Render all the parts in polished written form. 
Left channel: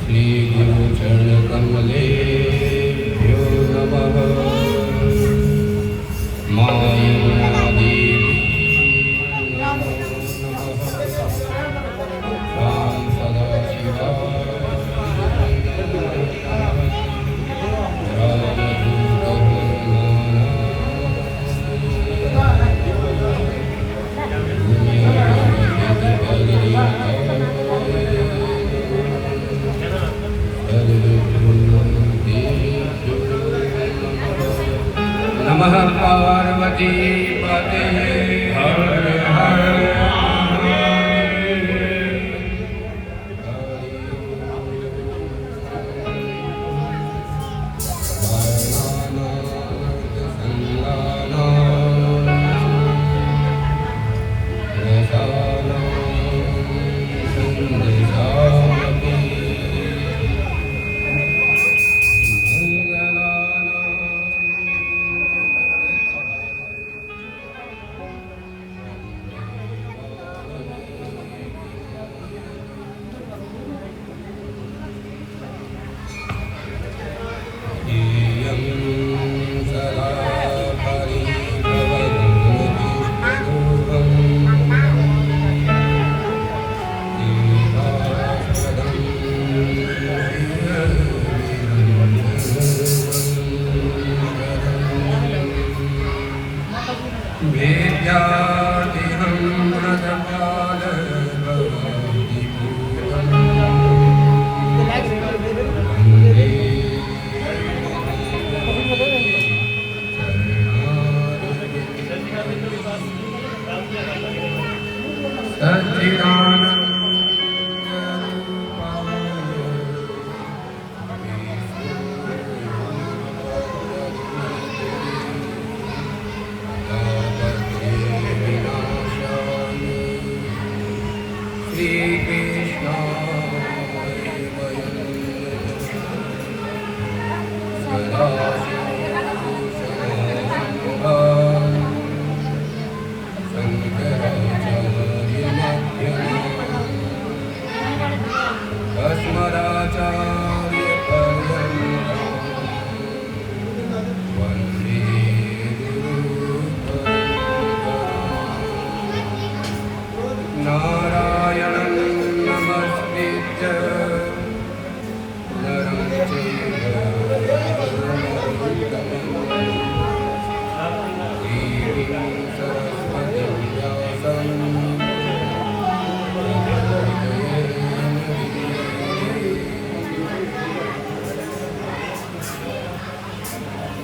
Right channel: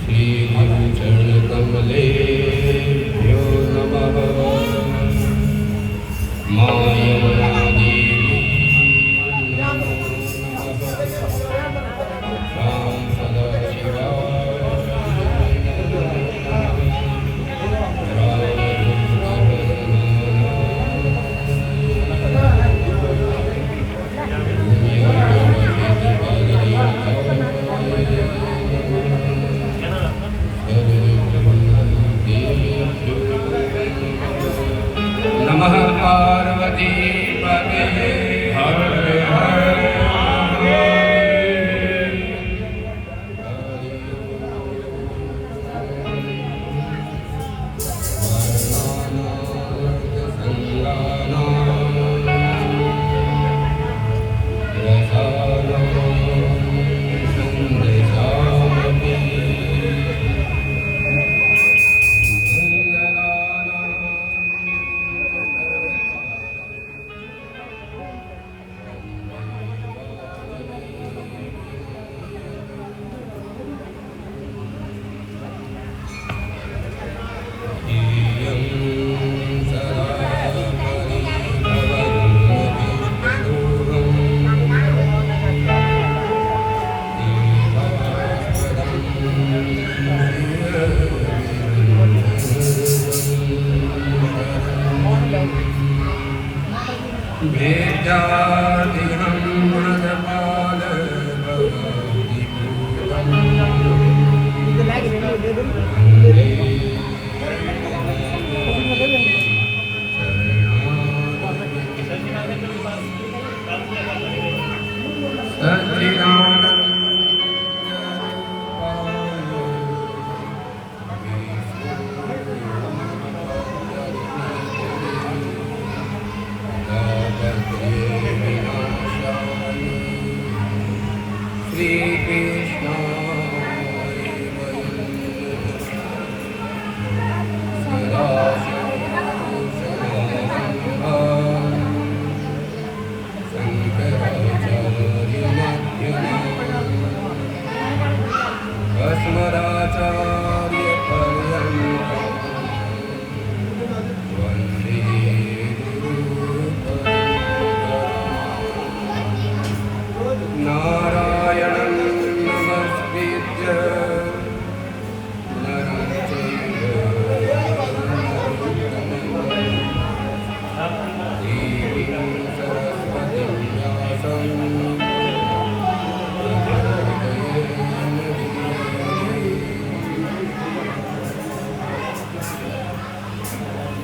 श्री गुरु चरण कमलेभ्यो नमः। मां यमुना देवी राम सदाशिवा नमः पार्वती पते हर हर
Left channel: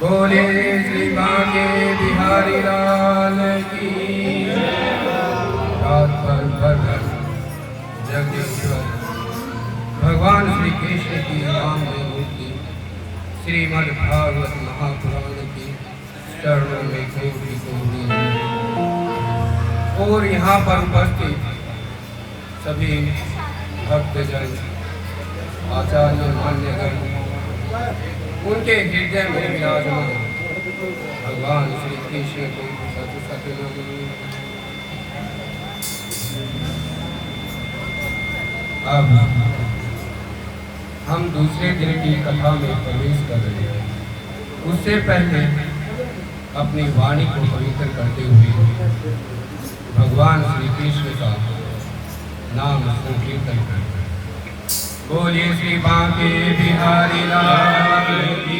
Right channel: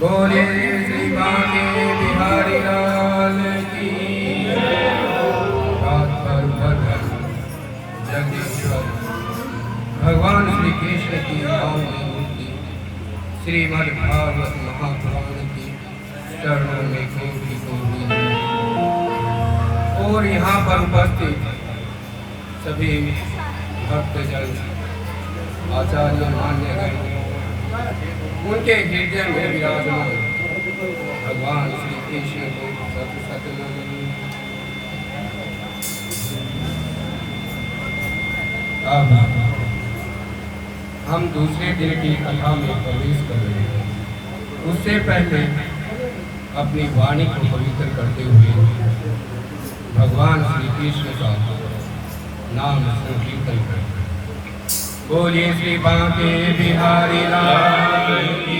बोले श्री बांके बिहारी लाल की। रात भर भगत जगदीश्वर भगवान श्री कृष्ण की नामदेव मूर्ति श्रीमद् भागवत महापुराण की चरणों में कोटि कोटि और यहाँ पर उपस्थित सभी भक्तजन आचार्य मान्यगण उनके हृदय में विराजमान भगवान श्री कृष्ण को सत सत नमः। अब हम दूसरे दिन की कथा में प्रवेश कर रहे हैं। उससे पहले अपनी वाणी को पवित्र करते हुए भगवान श्री कृष्ण का नाम संकीर्तन करें। बोलिए श्री बांके बिहारी लाल की।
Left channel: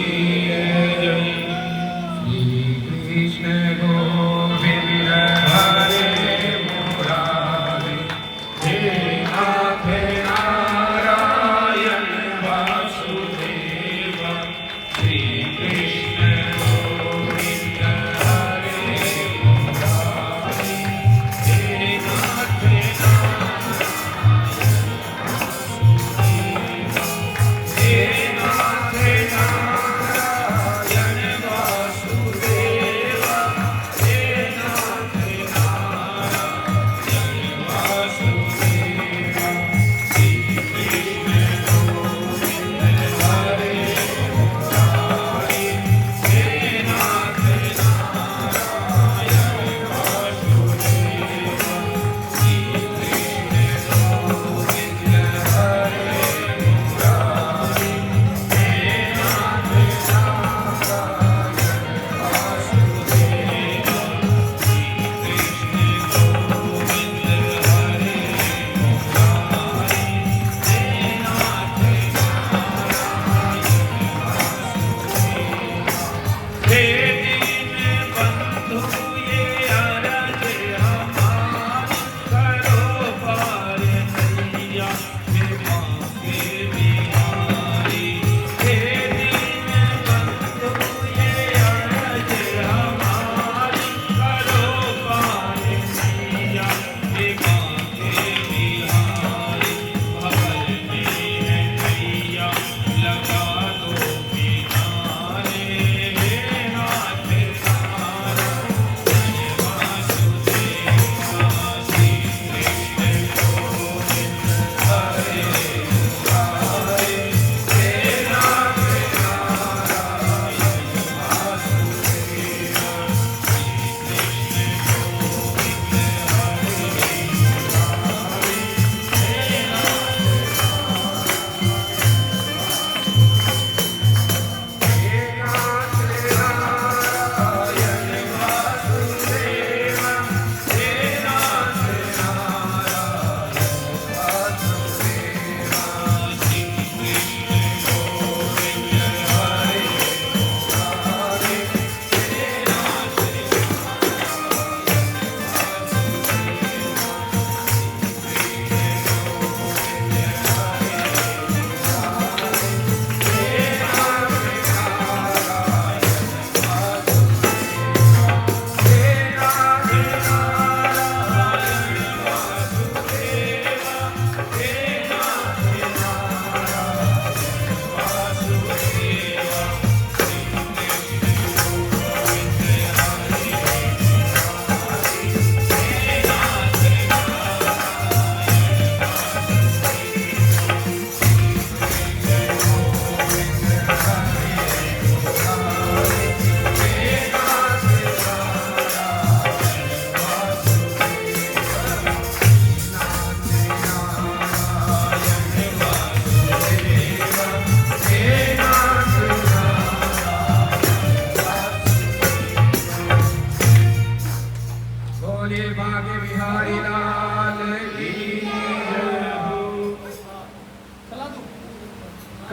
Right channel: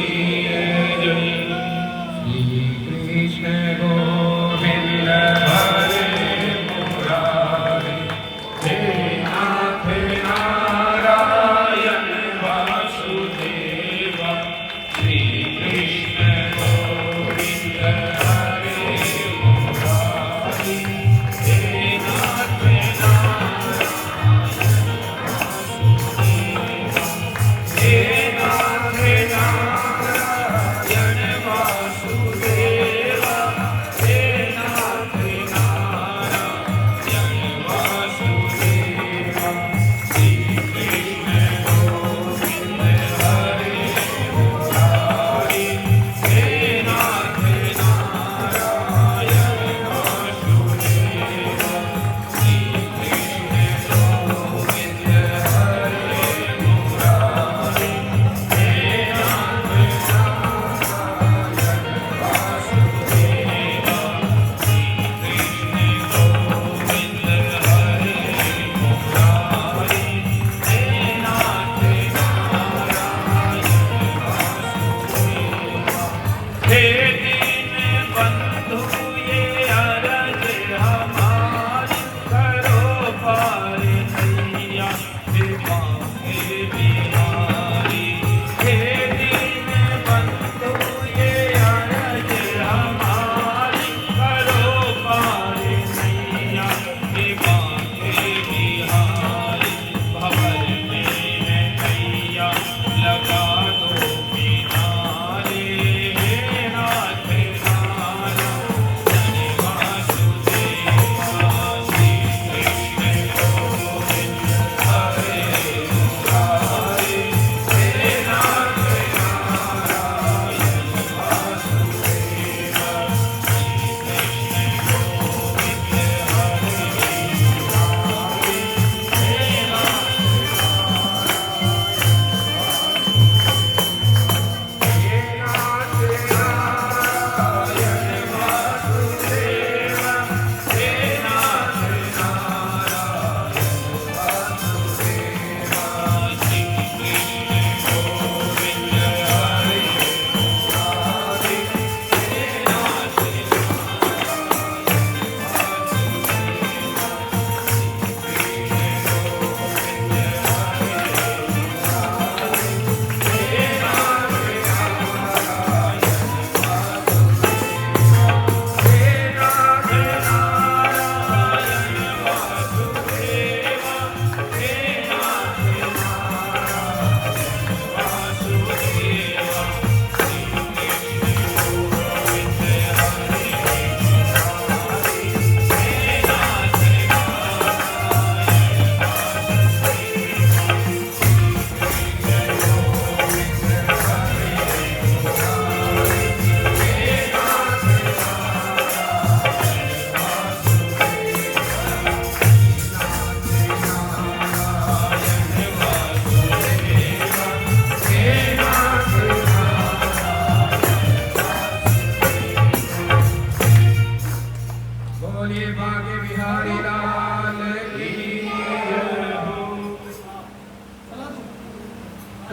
श्री कृष्ण गोविंद हरे मुरारे, हे नाथ नारायण वासुदेव। श्री कृष्ण गोविंद हरे मुरारे, हे नाथ नारायण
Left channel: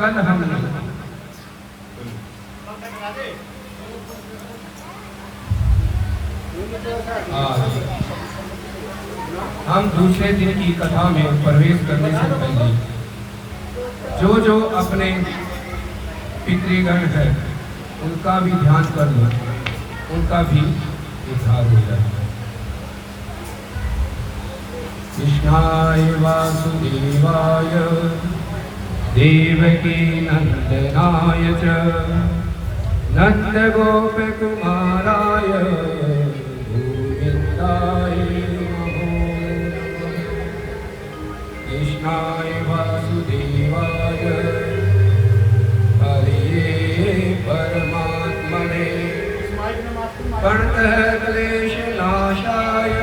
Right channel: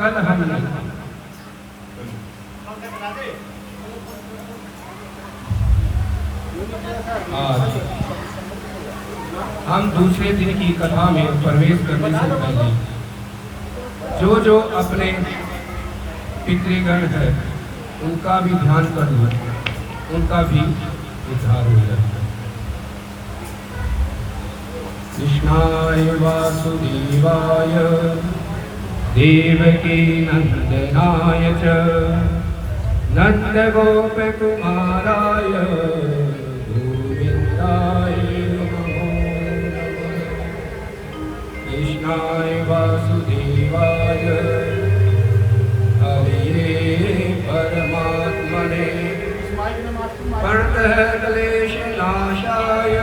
कल हमने आज हम दूसरे दिन की कथा में प्रवेश करने से पहले जो अपने पितृगण है उनका भी ध्यान कर लो, उनका भी उद्धार हो जाए। कृष्णाय वासुदेवाय देवकी नंदनाय च नंदगोप कुमाराय गोविंदाय नमो नमः। कृष्णाय वासुदेवाय हरे परमात्मने प्रणतक्लेशनाशाय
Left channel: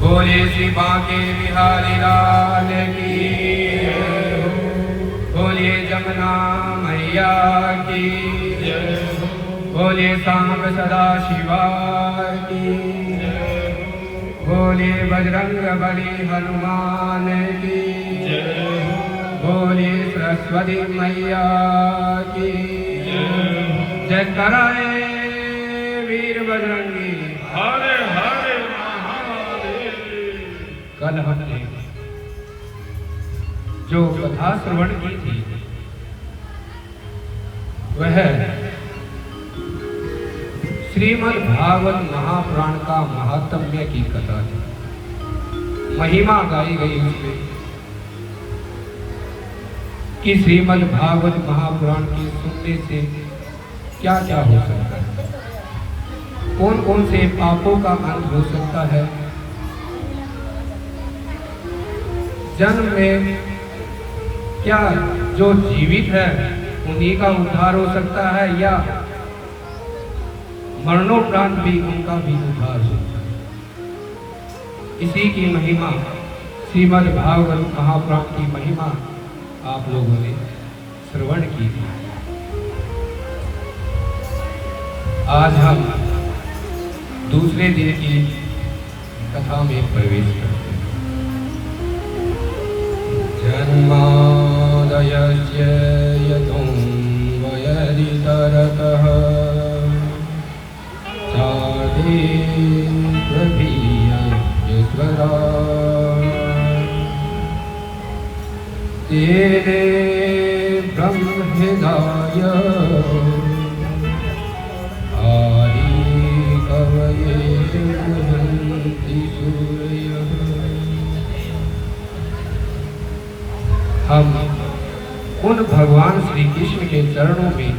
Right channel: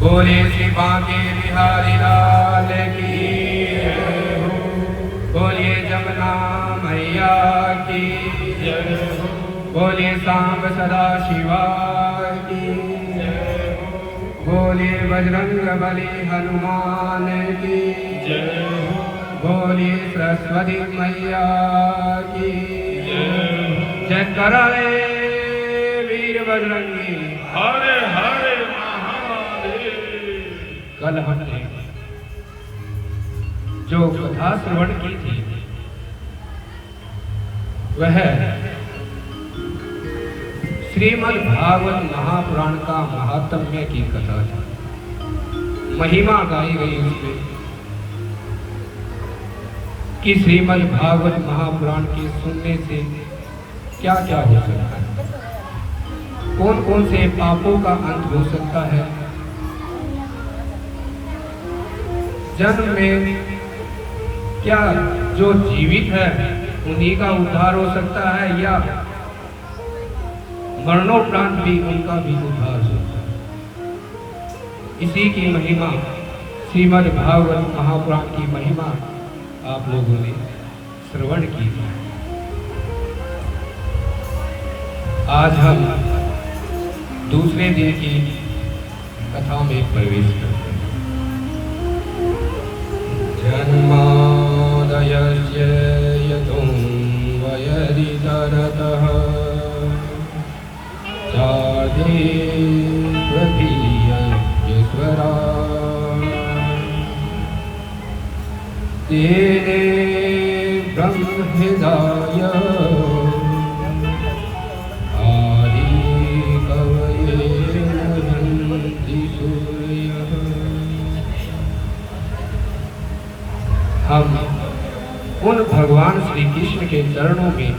बोले श्री बांके बिहारी लाल की, बोले जमुना मैया की, बोले सांब सदा शिवा की, बोले बजरंग बली हनुमान की, बोले सरस्वती मैया की जय। कराए वीर बजरंगी। कल हमने जो कथा श्रवण की थी वह श्रीमद् भागवत महापुराण का महात्म्य की कथा, महिमा गाई गई उसमें कि श्रीमद् भागवत महापुराण के सुनने से क्या क्या हो सकता है, कौन कौन से पापों का अंत हो सकता है, जन्म में क्या जो जीवित है उन्हीं का उद्धार हो सकता है या मरणोपरांत भी उनका भी उद्धार हो सकता है। इसी की महिमा श्रीमद् भागवत महापुराण की महिमा आप लोगों ने श्रवण की। आज हम दूसरे दिन की कथा में प्रवेश करते हैं। जन्मादयस्य यतोऽन्वयदितरतः चार्धे प्रभीयस्वरा तेने ब्रह्महृदाय आदि कवये मुह्यन्ति सूरयः। हम उन भगवान श्री कृष्ण के चरणों में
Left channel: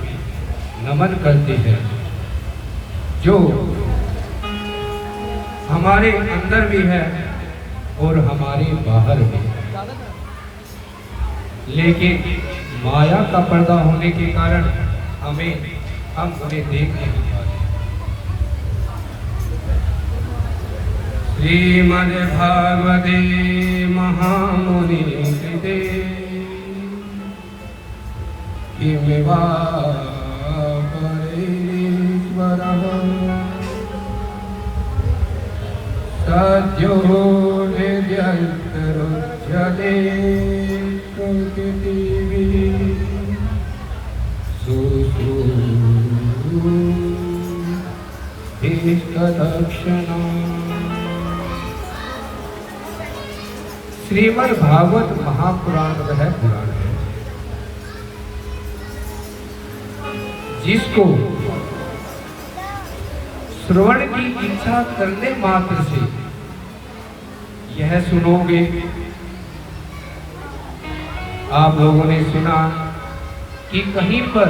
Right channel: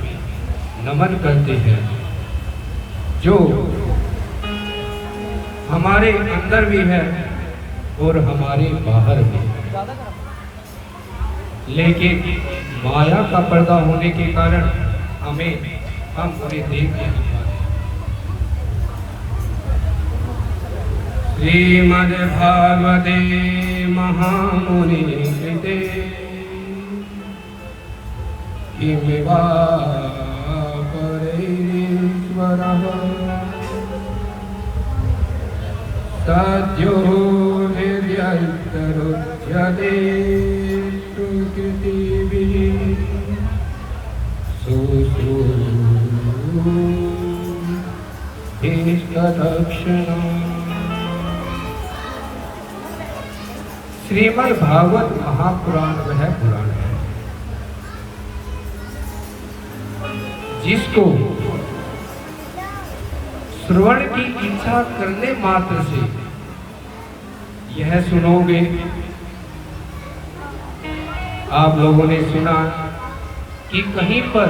नमन करते हैं जो हमारे अंदर भी है और हमारे बाहर भी, लेकिन माया का पर्दा होने के कारण हम उन्हें देख नहीं पाते। श्रीमद् भागवते महामुनि कृते किमिवा करेश्वरः सद्यो निर्यन्तरुध्यते प्रकृतिभिः सुश्रूतदक्षिणम्। श्रीमद् भागवत महापुराण वह पुराण है जिसको श्रवण की इच्छा करने मात्र से यह सुनोगे। आप लोगों ने सुना कि कहीं पर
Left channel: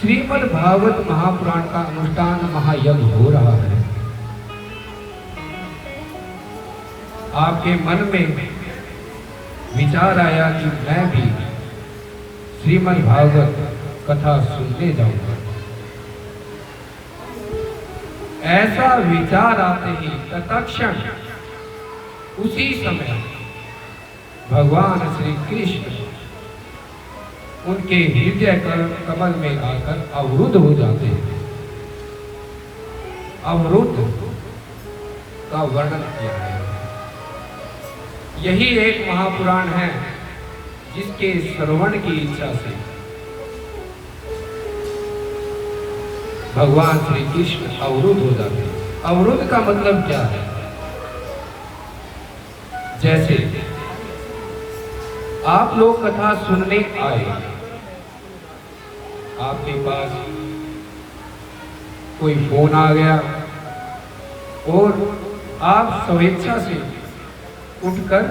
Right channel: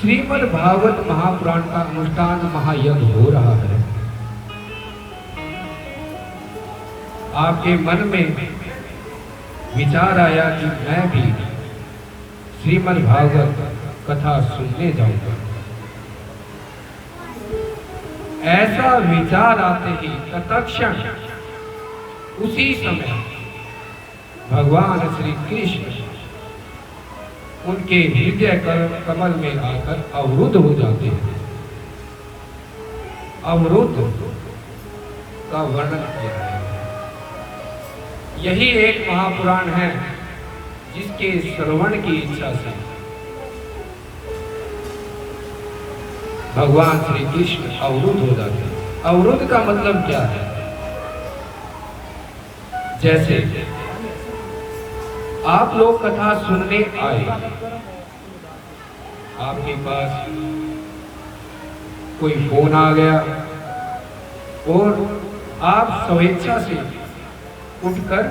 श्रीमद् भागवत महापुराण का अनुष्ठान महायज्ञ हो रहा है। आपके मन में विचार आया कि मैं भी श्रीमद् भागवत कथा सुनने जाऊंगा। ऐसा विचार आते ही तत्क्षण उसी समय भगवान श्री कृष्ण उनके हृदय कमल में आकर अवरुद्ध हो जाते हैं। अवरुद्ध का वर्णन किया है। यही एक महापुराण है जिसके श्रवण की इच्छा से भगवान श्री कृष्ण अवरुद्ध हो जाते हैं। अवरुद्ध का मतलब क्या है? जैसे आप लोग कथा सुनने आए, आपके पास कोई फोन आ गया और आप स्वेच्छा से उठकर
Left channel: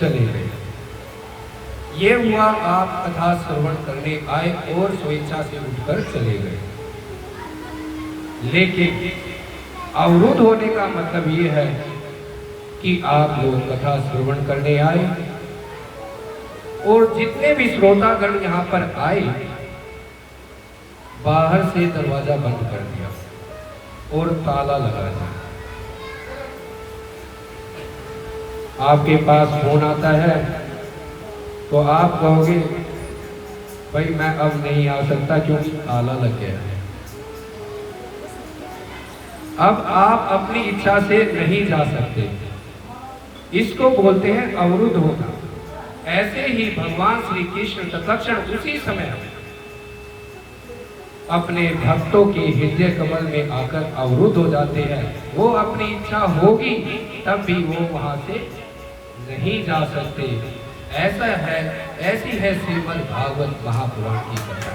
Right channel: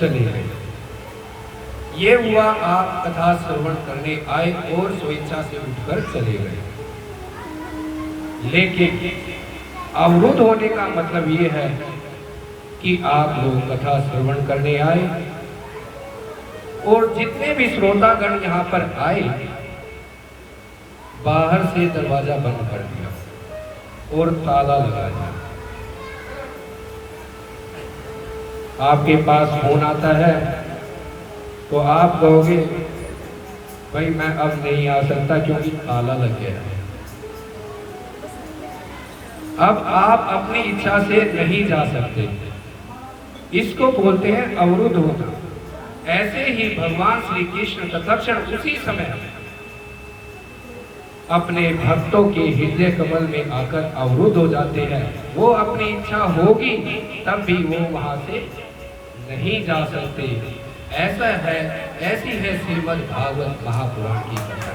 चले गए। ये हुआ आप कथा श्रवण करने आए और स्वेच्छा से उठकर चले गए। लेकिन अवरुद्ध होने का मतलब ये है कि आप लोग कथा श्रवण करने आए और जितने भी श्रोतागण यहाँ पर आए, बाहर से दरवाजा बंद कर दिया और ताला लगा दिया। आपके पास फोन आता है तो आप कहोगे भाई मैं अब नहीं आ सकता क्योंकि ताला लग गया है। अब आप अपनी इच्छा से नहीं जा सकते। इसको बोलते हैं अवरुद्ध होना। ऐसे ही भगवान श्री कृष्ण तत्क्षण उसी समय अपने भक्तों के हृदय कमल में आकर अवरुद्ध हो जाते हैं। वो अपनी इच्छा होगी तब भी वो वहां से नहीं जा सकते। ऐसा है, ऐसी है श्रीमद् भागवत महापुराण की कथा।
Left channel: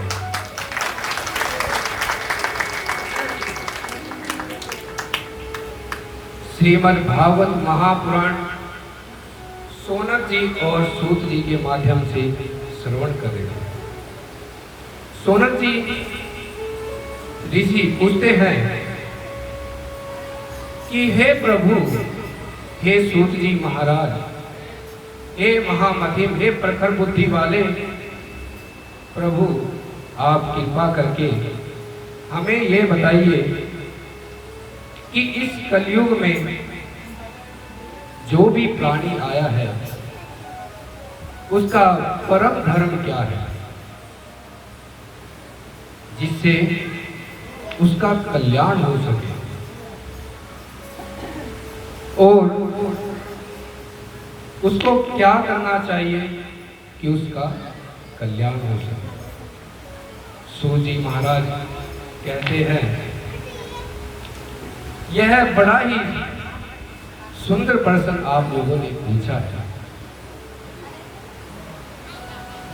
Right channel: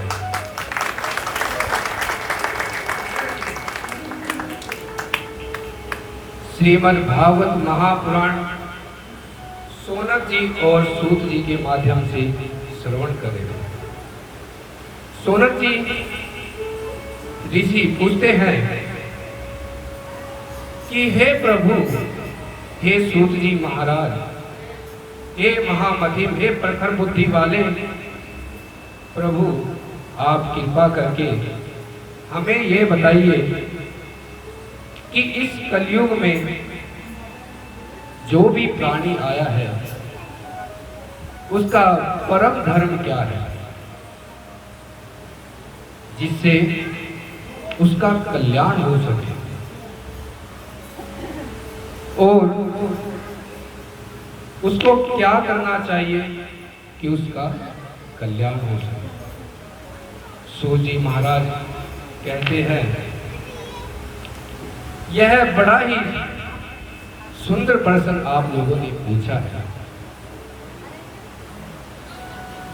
श्रीमद् भागवत महापुराण सोनक जी और सूत जी के माध्यम से श्रवण करेंगे। सोनक जी ऋषि पूछते हैं कि हे प्रभु, हे सूत जी महाराज, हे महामहिम, हे प्रखर बुद्धि वाले प्रभु, आप कृपा करके हमें ये बताइए कि इस कलयुग में जो भी प्राणी आया है उसका परम धर्म क्या है जिससे उसका कल्याण हो सके और उसको क्या करना चाहिए कि उसका कल्याण हो सके। सूत जी महाराज कहते हैं यह बड़ा ही सुंदर प्रश्न आप लोगों ने पूछा है।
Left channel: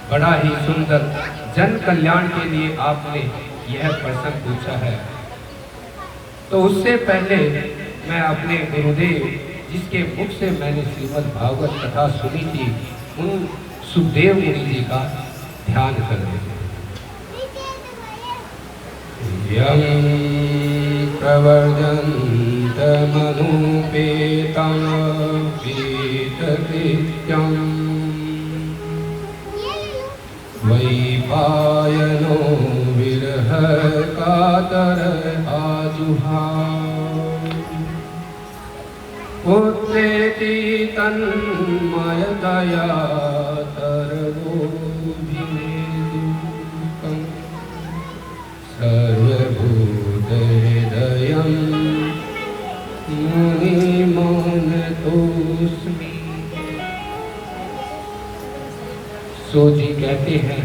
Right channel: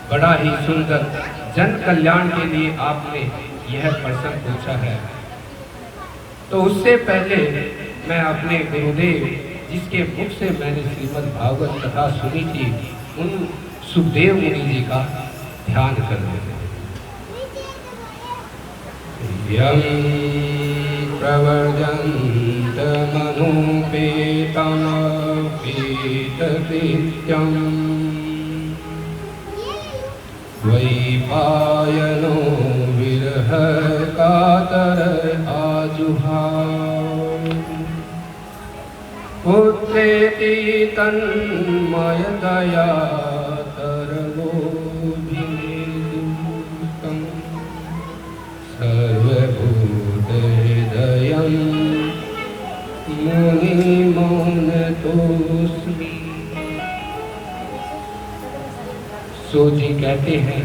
बड़ा ही सुंदर, जन कल्याण के लिए आपने यह प्रश्न पूछा है। तो उससे पहले मैं अपने गुरुदेव, जिसके मुख से मैंने श्रीमद् भागवत कथा सुनी थी, उन सुखदेव मुनि जी का ध्यान कर लेते हैं। प्रवर्जन्त मनुपेतं पीतकृत्यं द्वैपायनो विरह कातर आजुहाव पुत्रेति तन्मयतया तरवोभिनिर्दुःखं सर्वभूतहृदयं मुनिमोहनतोऽस्मि। सूत जी कहते हैं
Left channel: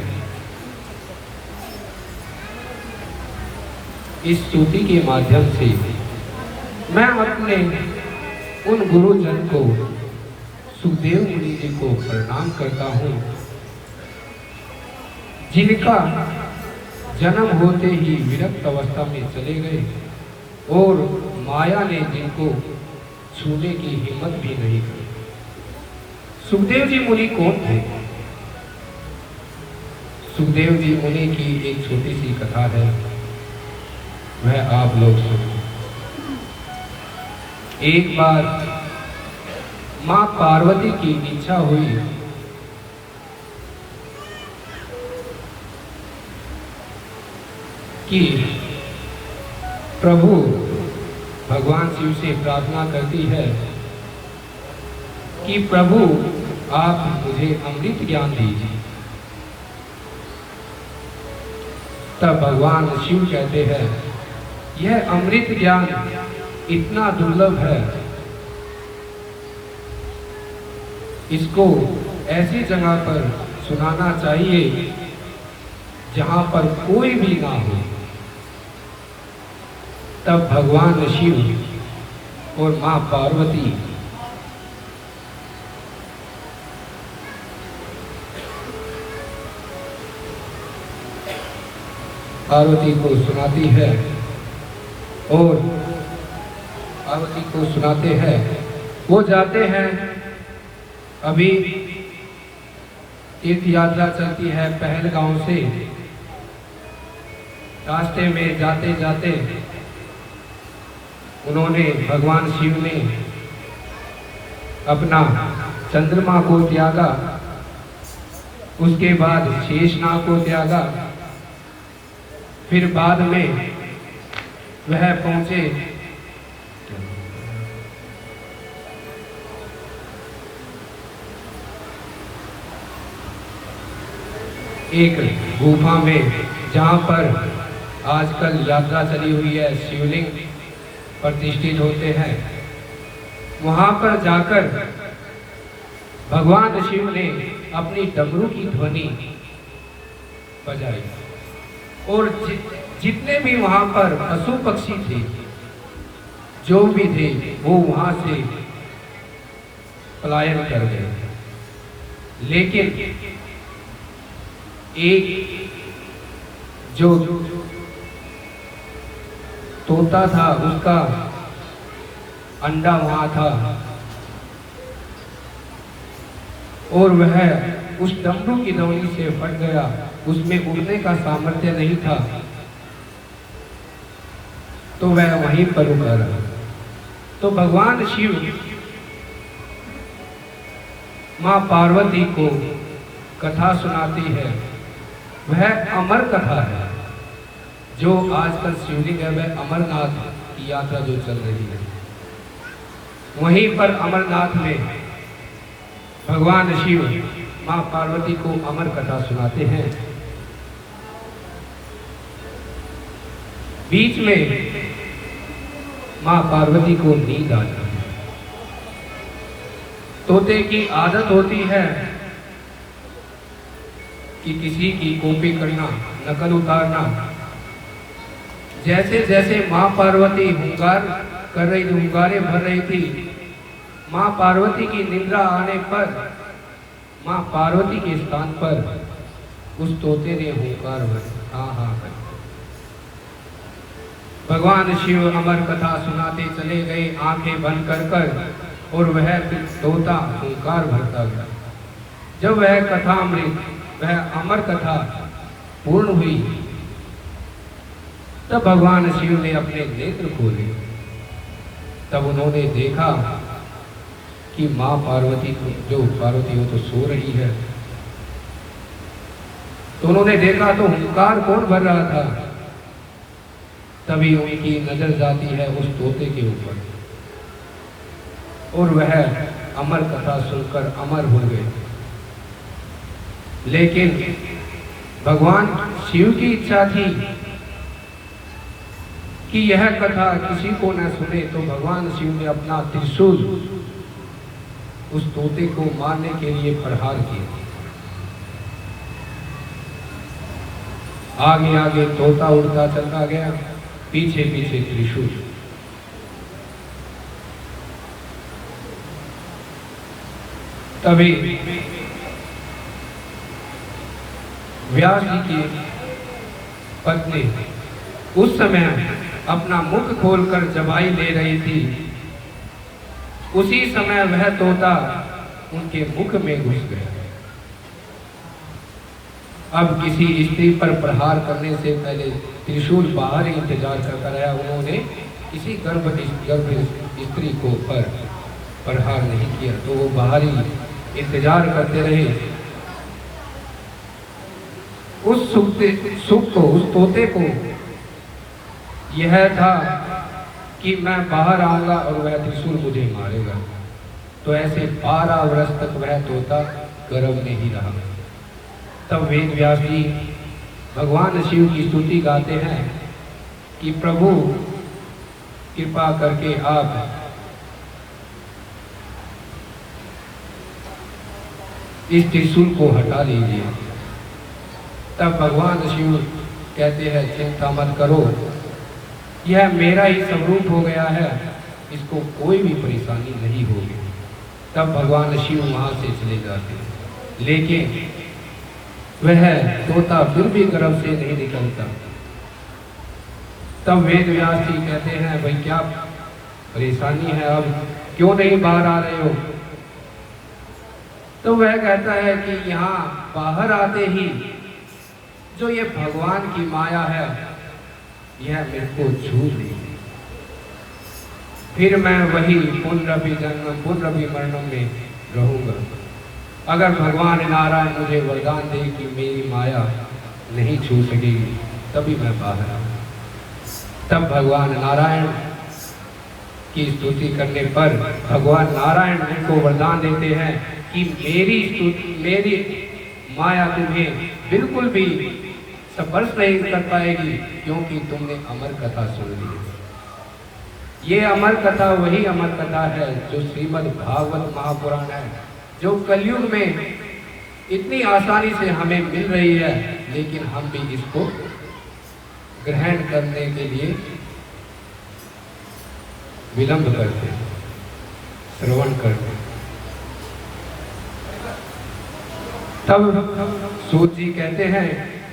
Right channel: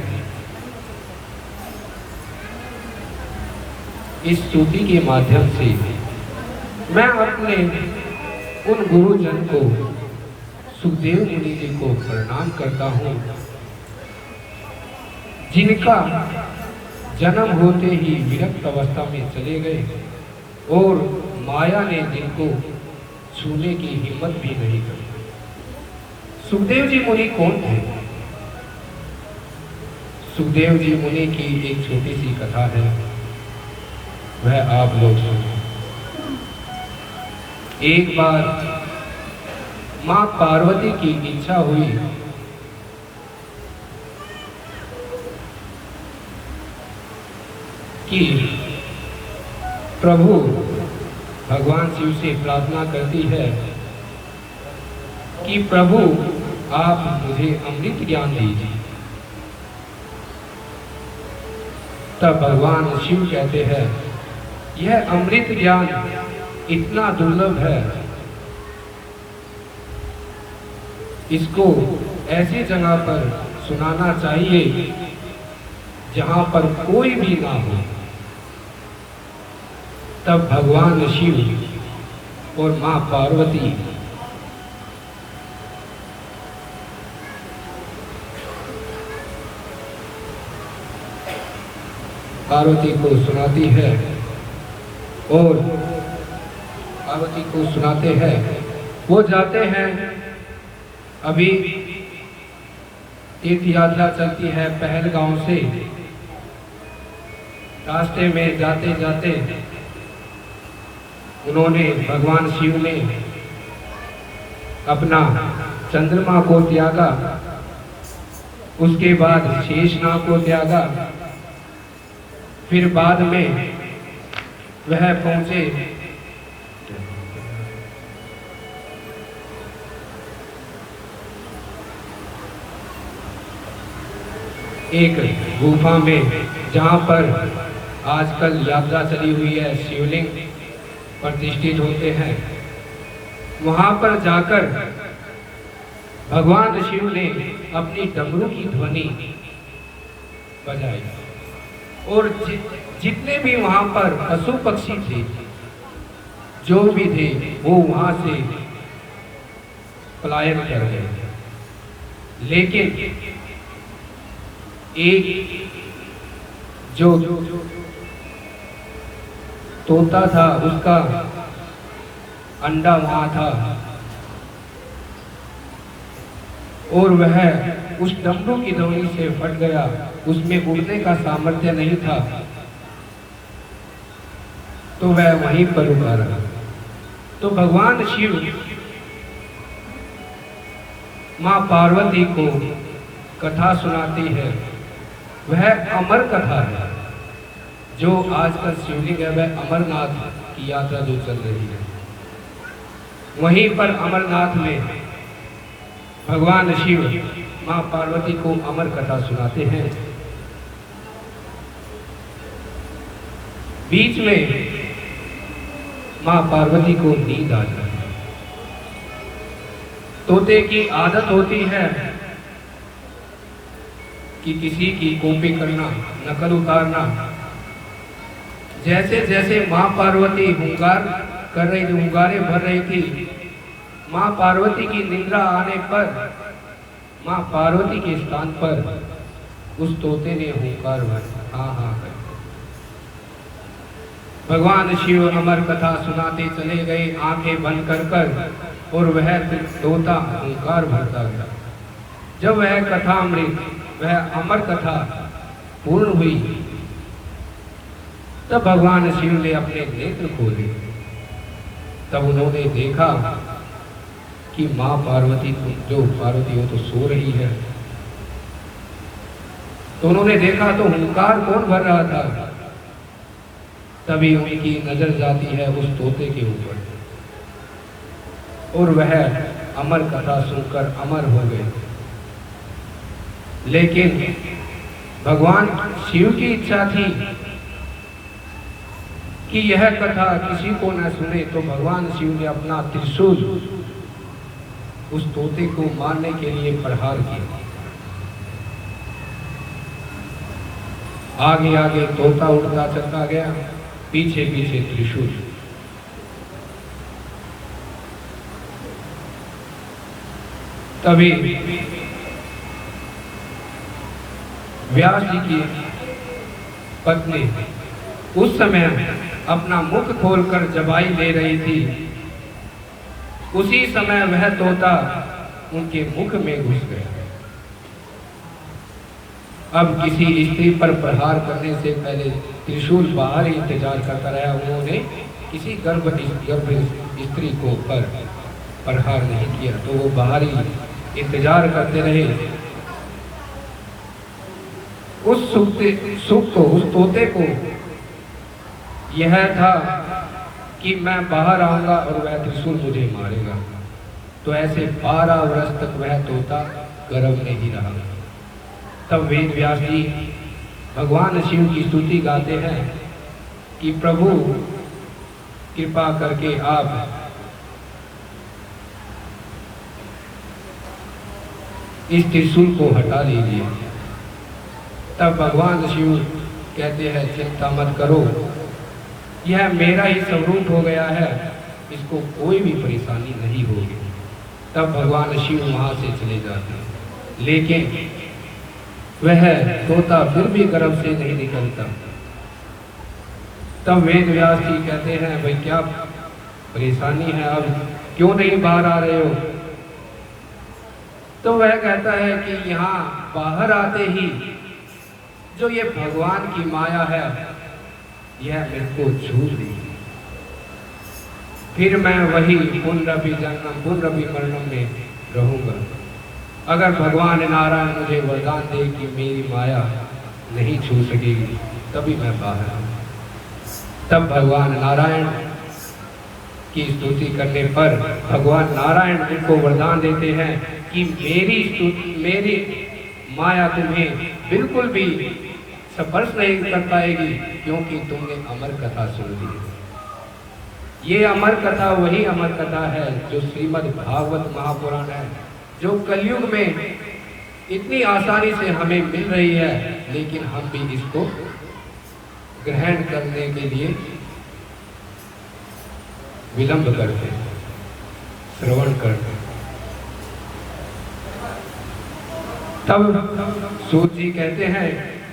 इस स्तुति के माध्यम से मैं अपने उन गुरुजन को, सुखदेव मुनि जी को प्रणाम करता हूँ जिनका जन्म होते ही विरक्त अवस्था में चले गए और माया ने जिनको छूने की हिम्मत भी नहीं की। सुखदेव जी मुनि कौन थे? सुखदेव जी मुनि की एक छोटी सी कथा है, वह आप लोग सुनो। एक बार मां पार्वती की इच्छा हुई कि प्रभु भगवान शिव से प्रार्थना करती है कि प्रभु आप मुझे अमृत ज्ञान दीजिए। तब भगवान शिव कहते हैं, यह अमृत ज्ञान इतना दुर्लभ है, इसको ऐसी जगह पर सुनाना चाहिए जहां पर कोई भी ना हो। तब भगवान शिव और मां पार्वती को सुनाती है और पार्वती को सुनाते हैं। वो जाते हैं, अभी तीर्थ यात्रा चलती है पहलगांव से। रास्ते में जाते जाते उन्होंने, भगवान शिव ने अपना चंद्रमा को त्यागा, उसके बाद शेषनाग को त्यागा, फिर बाद में वह पहुंचे एक गुफा में, जहां पर आजकल यात्रा चली हुई है, शिवलिंग प्रतिष्ठित होते हैं। वहां पर जाकर भगवान शिव ने अपनी डमरू की ध्वनि बजाई और जितने भी वहां पर पशु पक्षी थे, जो भी थे, वो वहां से पलायन कर गए। लेकिन एक जो तोता था, उसका अंडा वहां था और वह उस डमरू की डोरी से फट गया। उसमें उड़ने का सामर्थ्य नहीं था, तो वह वहीं पर रुका रहा। तो भगवान शिव मां पार्वती को कथा सुनाती है। वह अमर कथा है, जो आजकल शिवलिंग है, वह अमरनाथ की यात्रा जो चल रही है, वहीं पर अमरनाथ में भगवान शिव मां पार्वती को अमर कथा सुनाते हैं। बीच में मां पार्वती को नींद आ जाती है। तोते की आदत होती है कि किसी की कॉपी करना, नकल उतारना। जैसे जैसे मां पार्वती हुंगारे भर रही थी, मां पार्वती की निद्रा आने पर मां पार्वती के स्थान पर उस तोते ने हुंकार भरा, हाँ हाँ। भगवान शिव अमर कथा सुनाते चले गए, आंखें बंद कर और वह तोता हुंकार भरता गया। जब वह कथा वह अमर कथा पूर्ण हुई, तब भगवान शिव ने अपने नेत्र खोले। तब उन्होंने देखा कि मां पार्वती जो पार्वती हो तो सो रही है। तो उन्होंने देखा तो हुंकार कौन भर रहा था। तभी उनकी नजर जाती है उस तोते के ऊपर और वह अमर कथा सुनकर अमर हो गए। लेकिन भगवान शिव की इच्छा थी कि यह कथा किसी को न सुने, तो भगवान शिव ने अपना त्रिशूल उस तोते को मारने के लिए प्रहार किया। आगे आगे तोता उड़ता चलता गया, पीछे पीछे त्रिशूल। तभी व्यास जी की पत्नी उस समय अपना मुख खोलकर जबाई ले रही थी। उसी समय वह तोता उनके मुख में घुस गया। अब किसी स्त्री पर प्रहार करने से पहले त्रिशूल बाहर ही इंतजार करता रहा। उन्होंने किसी गर्भ स्त्री को पर प्रहार नहीं किया, तो वो बाहर ही इंतजार करते रहे। उस सुख को, उस तोते को यह था कि मैं बाहर आऊंगा और वह त्रिशूल मुझे मारेगा। तो ऐसे 12 वर्ष तक वह तोता गर्भ में ही रहा। तब वेद व्यास जी भगवान शिव की स्तुति गाते हैं कि प्रभु कृपा करके आप इस त्रिशूल को हटा लीजिए। तब भगवान शिव कहते हैं चिंता मत करो, यह मेरा ही स्वरूप हो गया है, इसको कोई भी परेशानी नहीं होगी। तब भगवान शिव वहां से चले जाते हैं, लेकिन वह तोता फिर भी गर्भ से नहीं निकलता। तब वेद व्यास जी कहते हैं भाई क्या परेशानी है, अब क्यों नहीं बाहर आ रहे हो? तो वह कहता है कि यहाँ बाहर आते ही जो ये भगवान की माया है यह मेरे को छू ली, फिर मैं वही पुनरभि जन्म पुनरभि मरणम में रहूंगा। अगर भगवान नारायण मुझे वरदान दे कि मेरी माया नहीं छू सकेगी तभी मैं बाहर आऊं। तब भगवान नारायण की स्तुति करने पर भगवान नारायण उनको वरदान देते हैं कि मेरी माया तुम्हें बिल्कुल भी स्पर्श नहीं कर पाएगी, क्योंकि तुमने अमर कथा सुन ली। ये अमर कथा वही अमर कथा है जो श्रीमद् भागवत महापुराण है, जो कलयुग में इतनी आसानी से हमें मिल रही है, लेकिन हम भी इसको ग्रहण करने के लिए विलंब करते हैं, श्रवण करते हैं। तब सूत जी कहते हैं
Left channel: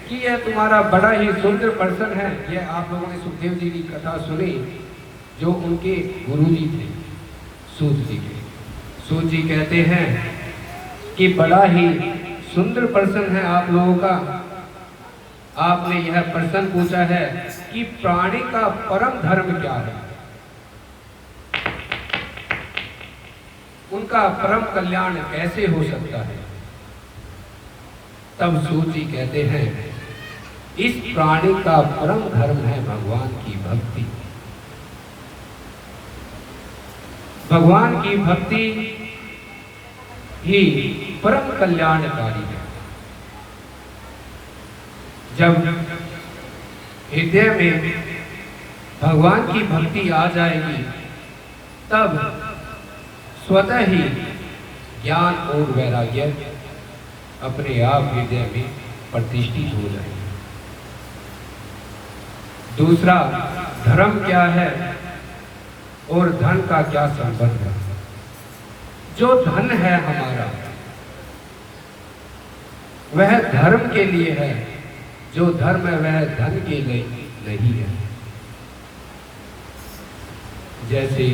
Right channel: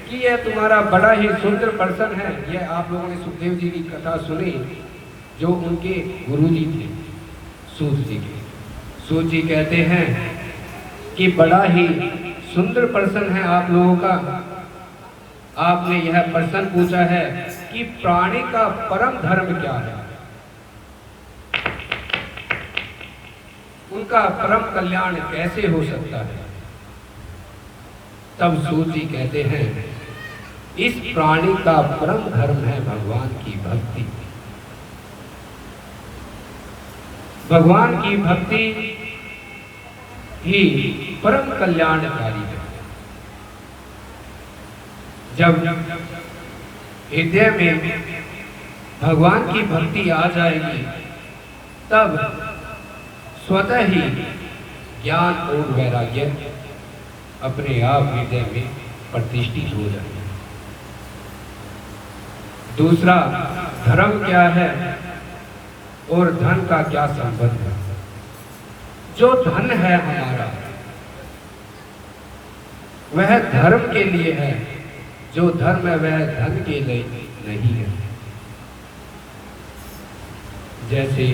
कि यह तुम्हारा बड़ा ही सुंदर पर्सन है। यह आप लोगों ने सुखदेव जी की कथा सुनी, जो उनके गुरुजी थे सूत जी के। सूत जी कहते हैं कि बड़ा ही सुंदर पर्सन है आप लोगों का। आपने यह प्रश्न पूछा है कि प्राणी का परम धर्म क्या है, उनका परम कल्याण कैसे हो सकता है। तब सूत जी कहते हैं इस प्राणी का परम धर्म है भगवान की भक्ति। भगवान की भक्ति ही परम कल्याणकारी है। जब हृदय में भगवान की भक्ति आ जाएगी तब स्वतः ही ज्ञान और वैराग्य अपने आप हृदय में प्रतिष्ठित हो जाएगी। दूसरा, धर्म क्या है और धन का क्या संबंध है। जो धन है हमारा वह धर्म के लिए है, जो धर्म है वह धन के लिए नहीं है। जैसे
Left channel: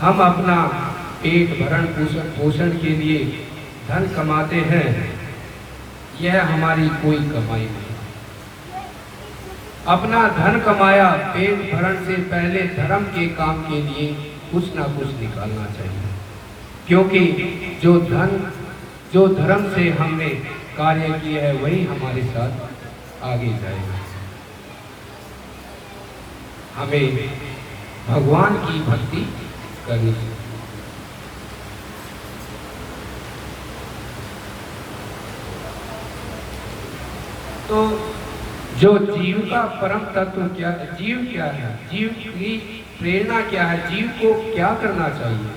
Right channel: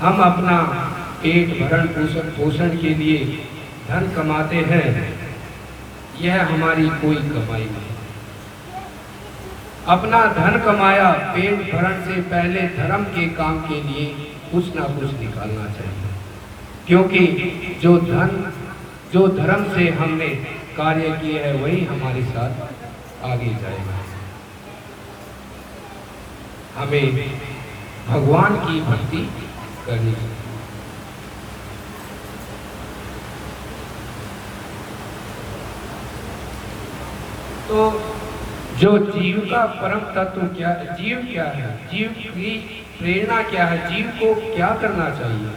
हम अपना पेट भरण पोषण के लिए धन कमाते हैं, यह हमारी कोई कमाई नहीं। अपना धन कमाया पेट भरण से पहले धर्म के काम के लिए कुछ ना कुछ निकालना चाहिए, क्योंकि जो धर्म से हमने कार्य किया है वही हमारे साथ आगे जाएगा। हमें भगवान की भक्ति करनी चाहिए। तो जो जीव का परम तत्व क्या, जीव क्या है, जीव की प्रेरणा क्या है, जीव को क्या करना चाहिए,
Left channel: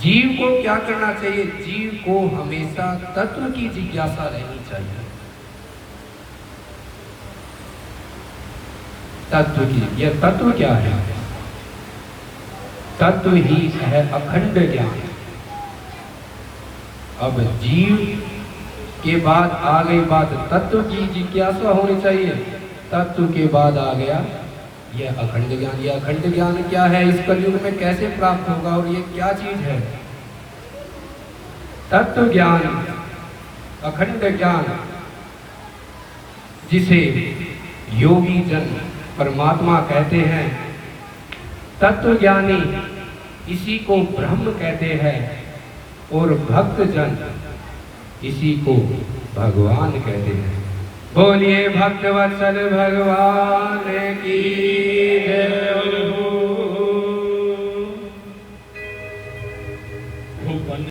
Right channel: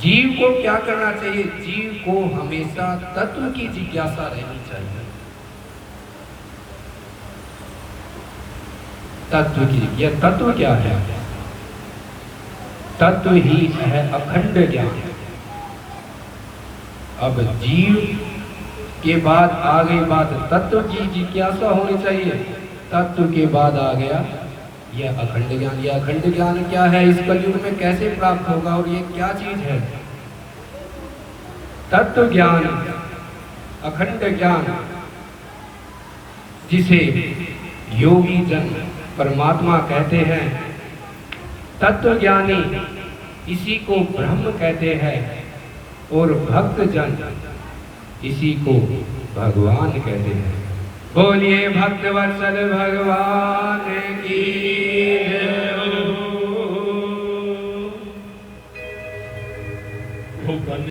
जीव को क्या करना चाहिए। जीव को हमेशा तत्व की जिज्ञासा रहनी चाहिए। तत्व की, यह तत्व क्या है? तत्व ही है अखंड ज्ञान। अब जीव के बाद आ गई बात तत्व की जिज्ञासा होनी चाहिए। तत्व के बाद आ गया यह अखंड ज्ञान। यह अखंड ज्ञान क्या है, इस कलयुग में कैसे प्राप्त होगा और यह क्या चीज है? तत्व ज्ञान, अखंड ज्ञान, जिसे योगी जन परमात्मा कहते हैं। तत्व ज्ञानी इसी को ब्रह्म कहते हैं और भक्त जन इसी को भगवान कहते हैं। बोलिए भक्तवत्सल भगवान की। खूब धन्य